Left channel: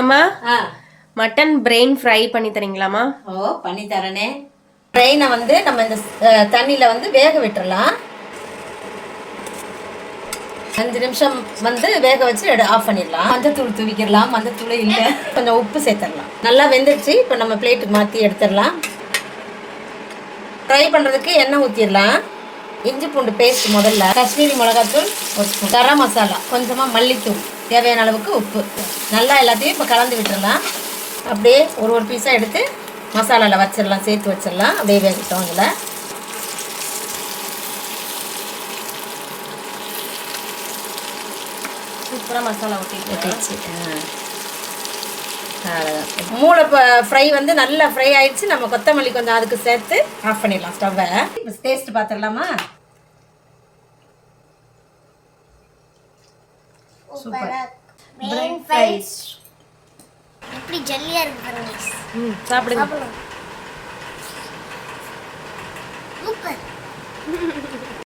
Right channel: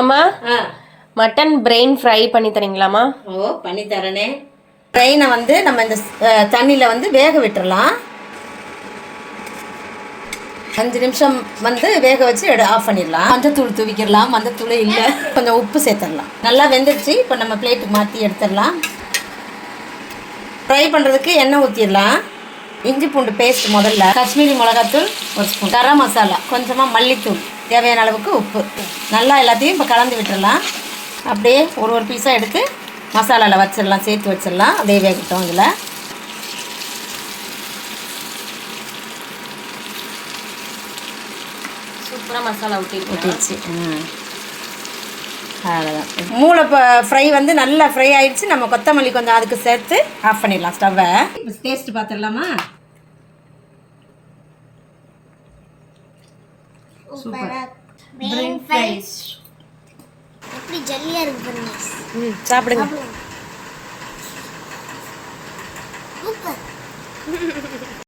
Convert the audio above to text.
அம்மா mutton brain fry பண்ணி தரீங்களாம்மா? ஓ பண்ணி தரேனே. பிரெயினை வந்து நம்ம இந்த தண்ணியில் வந்து வேக விட்டுறலாம். 5 நிமிஷம் வந்து வேக வச்சு ஆஃப் பண்ணிடலாம். மஞ்சத்தூள் தூவிக்கிடலாம். மஞ்சத்தூள் இல்லை, கொஞ்சம் உப்பு சேர்த்துடலாம். நல்லா வெந்துடுச்சு. இப்போ நம்ம பிளேட்டுக்கு மாற்றி எடுத்துடலாம். ஃப்ரை பண்ணுறதுக்கு எண்ணெய் ஊற்றிடலாம். இஞ்சி பூண்டு பேஸ்ட் முதல்ல, காஷ்மீரி மிளகாத்தூள் ஒரு ஸ்பூன், கரம் மசாலா கொஞ்சமாக, மல்லித்தூள், தேவையான அளவுக்கு உப்பு, நல்லா எல்லாத்தையும் இப்போ கலந்து விட்டுடலாம். அப்படியே ஒரு பீஸாக எடுத்து மசாலாவில் வச்சிடலாம், சேர்த்து வச்சிடலாம். அப்படியே வேகட்டும். இதில் சூப்பராக மசாலா ஊற்றிடுச்சு. அவ்வளோதான். மூளை ஃப்ரை வந்து நல்லா ஃப்ரை ஆயிடுச்சு. நம்ம கொத்தமல்லி கொஞ்சம் அதுக்கு சேர்த்து ஆஃப் பண்ணிடலாம் ஸ்டவ்வை. இப்போ டேஸ்ட் பார்த்துடலாமா? எப்படி ஜல்லியா இருக்கு பாருங்க. சாப்பிடுங்க. சூப்பர்.